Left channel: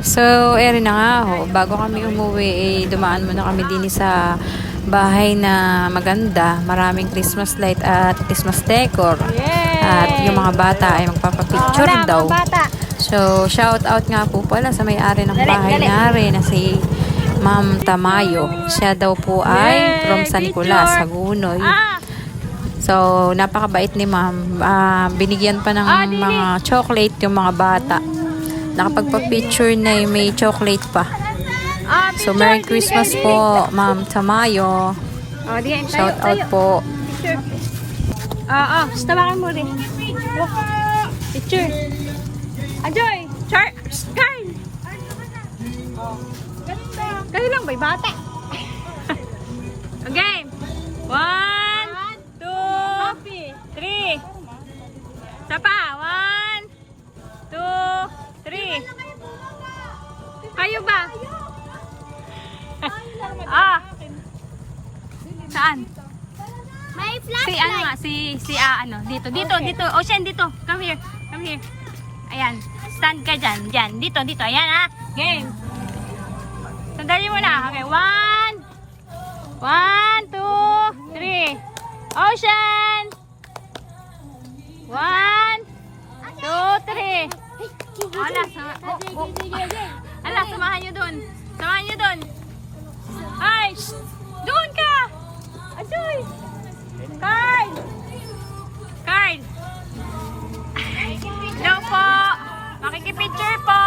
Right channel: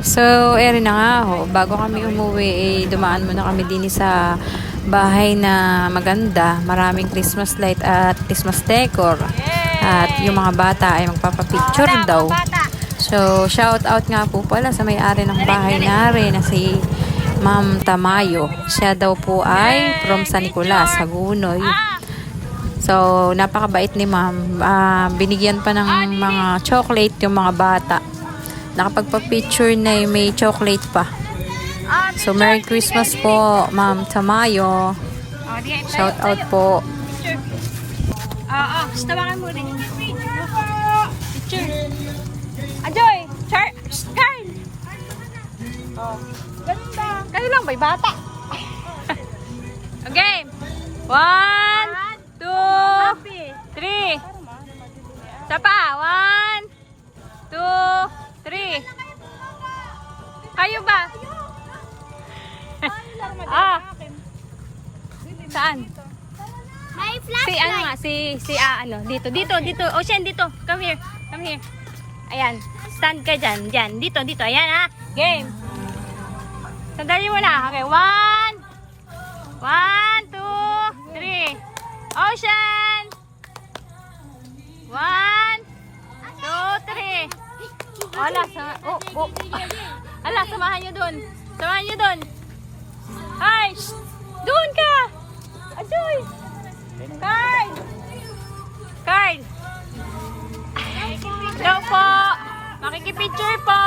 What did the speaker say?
So, eri na nga ho. Bago kami umuwi, dumaan muna kami din sa bahay na maganda. Maraming Christmas light at Christmas decor. At yung mga bata ay magpapapicture daw. So, shout out nga po pala sa may-ari ng bahay na rin na si Ma'am Tamayo. Siya daw po ay from San Nicolas, Hagunoy. So, napakabait ni Ma'am. Binigyan pa ng mga chocolate yung mga bata. Nakapagpa-picture na yung may chocolate pa. So, Merry Christmas po, Ma'am Tamayo. Shout out po. Tawakan mo rin. Picture. Ajoy! Kyle! Kayo lang ba'y bata? Okay. 1, 2, 3. Isa pa. 1, 2, 3. Kayo ba? Saan? May flag. Si ano nga, dito. Ocean, dito. Come here. Ayan. Stand ka dyan. Dito. Ayan, Game. Sandali mo na. Okay, 1, 2, 3. Ocean. 1, 2, 3. Samahan nyo dun. Ay, doon ka. Ajoy. Kyle. Hello po. Makikipicture po.